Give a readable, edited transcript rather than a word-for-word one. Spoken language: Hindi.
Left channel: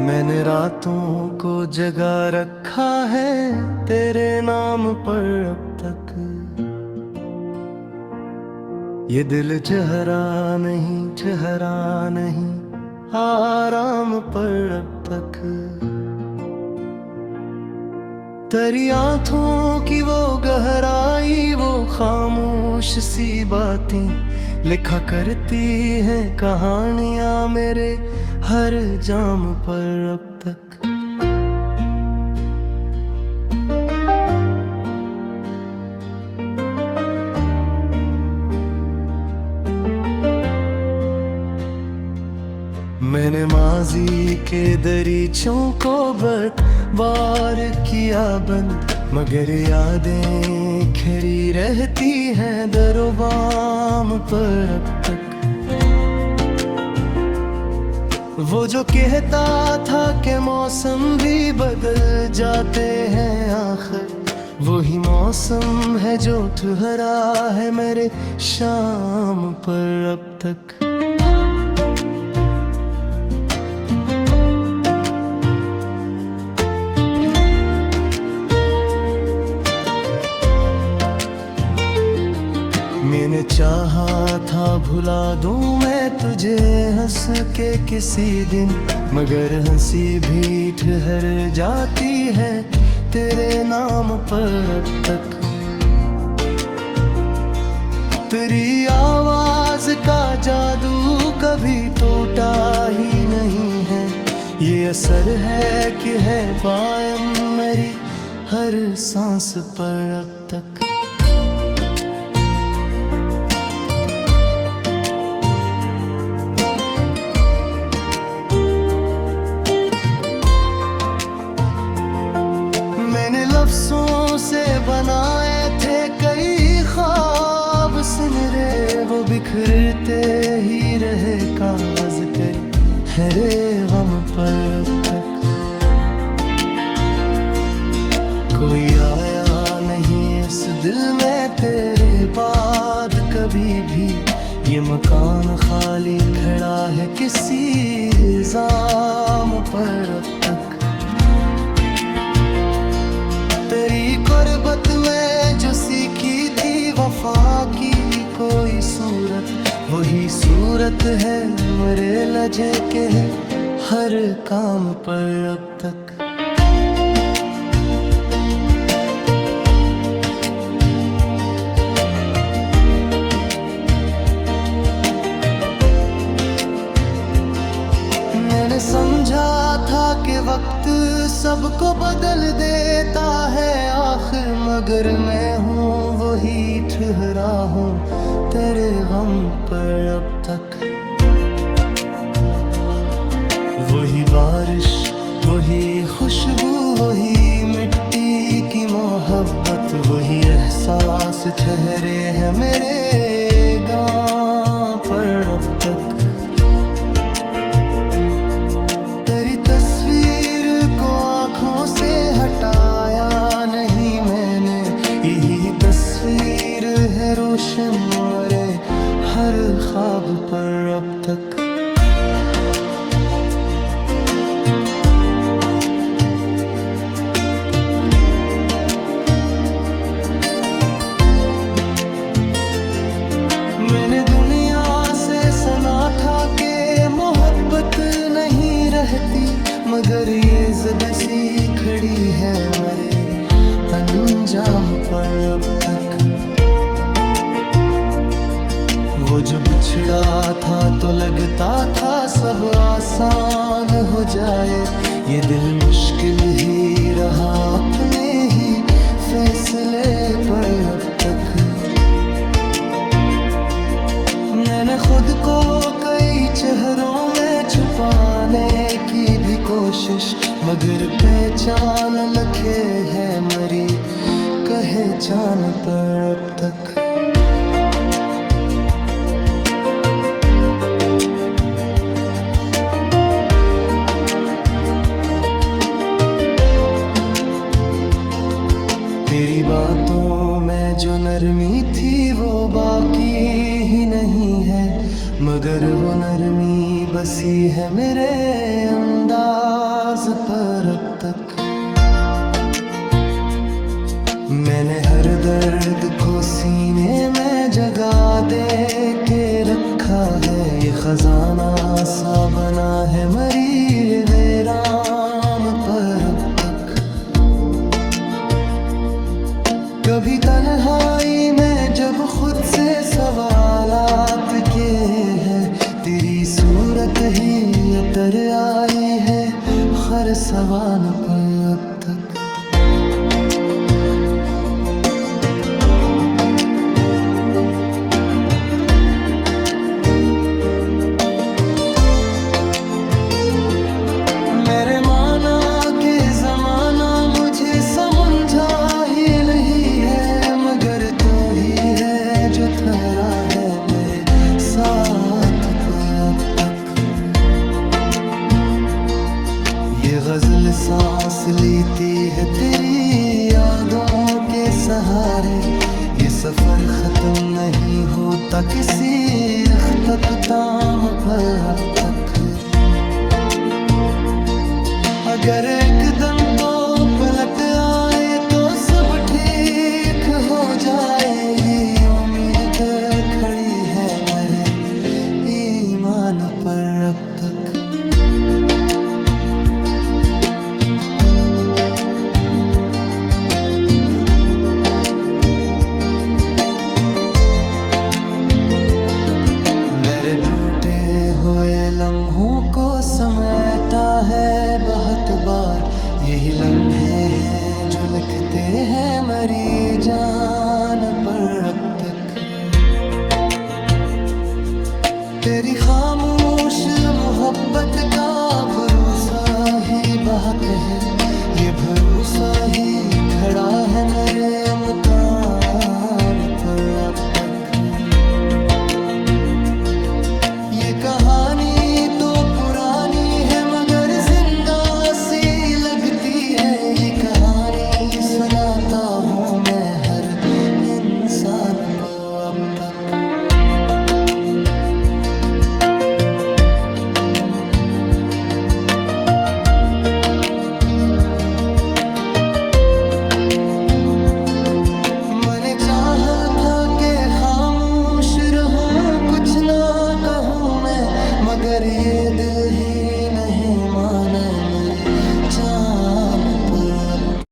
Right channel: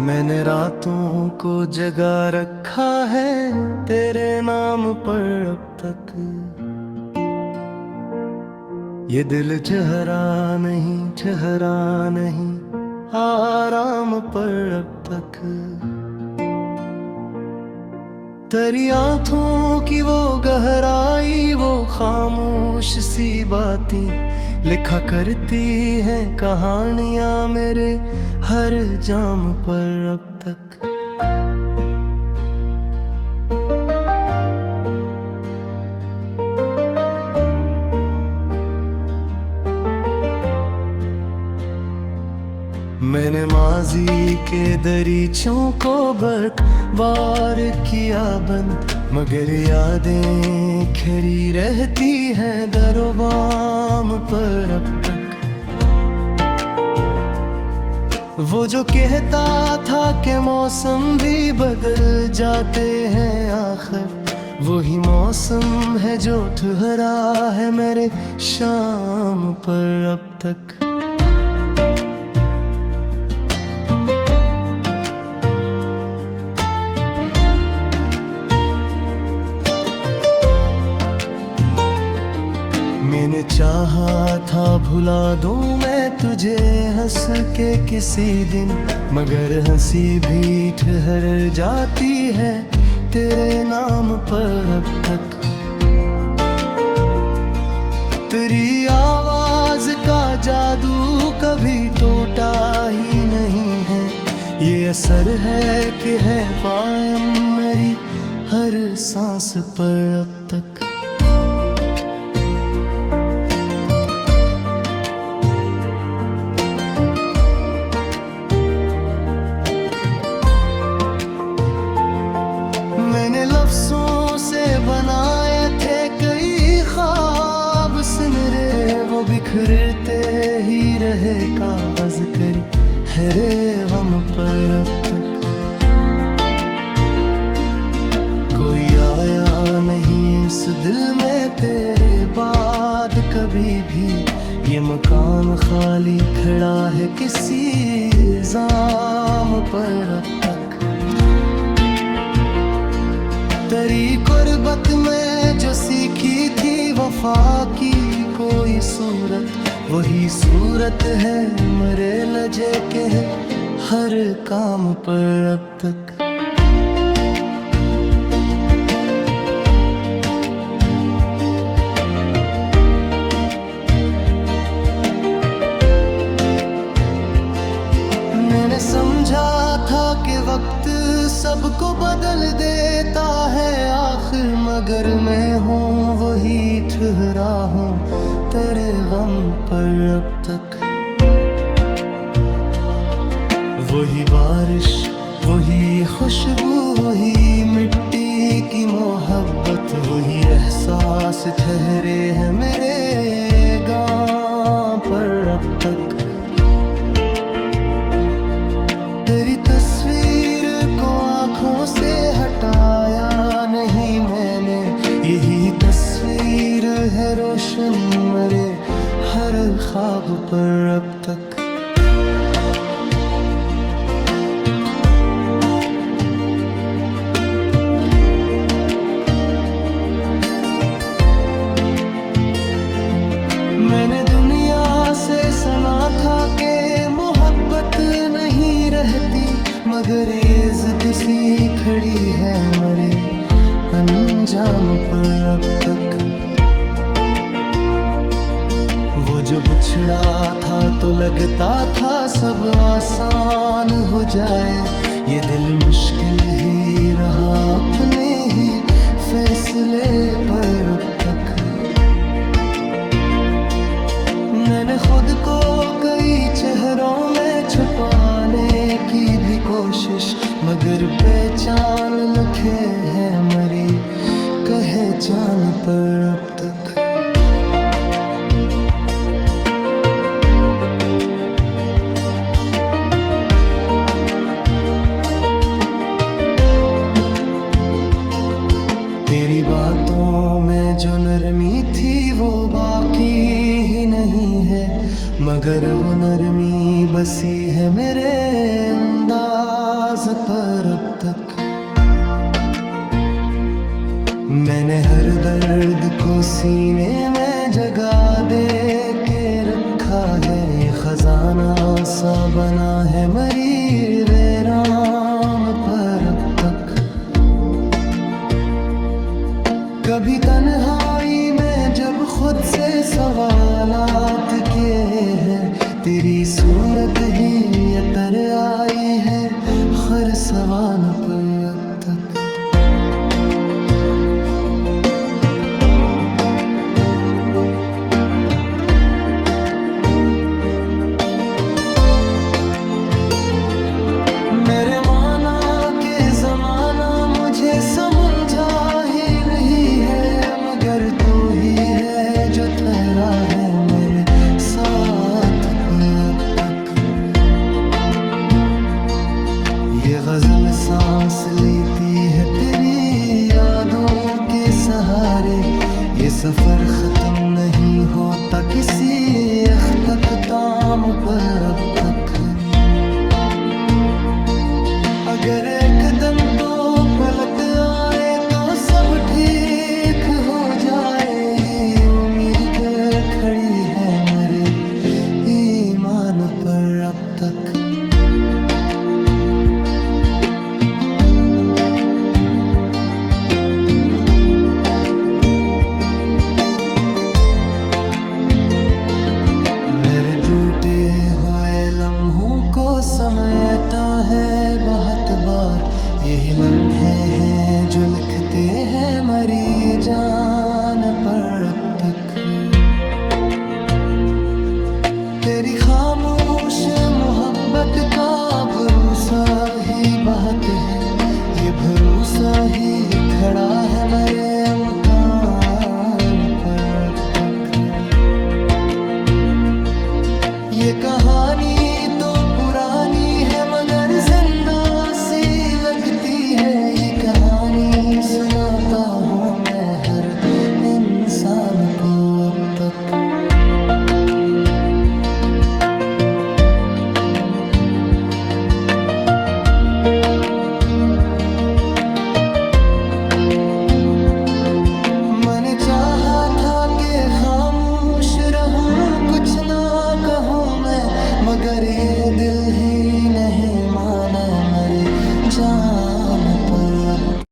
मैंने रातों को जगा रखा है तेरे नाम पर अब तक। ये दिल ठहरा नहीं आराम पर अब तक। तेरी आंखों की वो गहराई, वो खामोश सी बातें लिखा करती हैं कहानियां मेरे हर जाम पर अब तक। मैंने माजी के दरीचों को बार किया बंद, मगर यादें खड़ी रहती हैं दरोबाम पर अब तक। वो जो कहता था कि मौसम भी बदल जाते हैं, आखिर वही मौसम है जो ठहरा है मेरे शाम पर अब तक। मैंने चाहा था भुला दूं मैं तुझे हंस के किसी दिन, मगर हंसी भी ठहर जाती है तेरे नाम पर अब तक। तेरी आवाज का जादू कभी टूटा ही नहीं है, ये असर है कि है कायम मेरी हर सांस पर अब तक। मैंने लफ्जों से बनाए थे कई ख्वाब सिमरे, वो बिखरते ही रहे कागज करी है रे गम पर अब तक। कोई आया नहीं इस दिल में तेरे बाद कभी भी, ये मकान खाली खड़ा है किसी इल्जाम पर अब तक। तेरी कुर्बत में जो सीखी थी वफा की कोई सूरत, वही सूरत है मरे लजे के हर काम पर अब तक। मैंने समझा था कि वक्त सबको बदल देता है आखिर, मगर मैं हूँ वही ठहरा हूँ तेरे गम पर अब तक। वही बारिश, वही खुशबू, वही मिट्टी की मोहब्बत, वही एहसास ठहरे हैं मेरे गाँव पर अब तक। तेरी तस्वीर को आँखों से हटाया नहीं मैंने, यही तस्वीर है रोशन मरे हर ख्वाब पर अब तक। मैंने दुनिया से सुना था कि मोहब्बत नहीं रहती, मगर ये जिद सी खड़ी है मरे अंजाम पर अब तक। वो जो बिछड़ा था तो लगता था सब आसान हो जाए, ये दिल मुश्किल ही रहा अपने ही फैसले पर अब तक। मैंने खुद को कई चेहरों में छुपाने की भी कोशिश, मगर पहचान लखे है मरी कहे चान पर अब तक। तेरी बातों में जो नरमी थी वो बाकी ही नहीं है, मगर वो नरमी बसी है मेरे अंदाज पर अब तक। मैंने हर दर्द को सीने में जगा दे के रखा है, ये खजाना सा बना है मरी वीरान पर अब तक। कभी तन्हाई में जब खुद से सवालात किए हैं, तेरी सूरत ही अतर आई है हर सवाल पर अब तक। मेरे माना के जमाना मुझे समझा ही नहीं है, मगर तो ही है जो ठहरा है मेरे साथ पे अब तक। ये गजल सांस लेती है तेरी यादों के सहारे, ये सफर खत्म नहीं होता किसी अख्ताम पर अब तक। अगर एक दिन तो पलट आए तो सब ठीक हो जाए, ये उम्मीद तो खड़ी है मेरे ईमान पर अब तक। मेरे टूटे हुए लम्हों को समेटा है बहुत बार, यही लम्हे हैं जो लिखते हैं मरी जान पर अब तक। तेरी खामोश मोहब्बत का भरोसा ही बहुत है, ये भरोसा ही खड़ा है मेरे मकान पर अब तक। ये कहानी तो पुरानी है मगर जिंदा सी लगती है, ये कहानी सुनाता हूँ मैं हर इंसान को अब तक। मैंने चाहा था कि खामोश रहूं कुछ ना कहूँ मैं, मगर ये दिल ही नहीं माने मेरी जान पर अब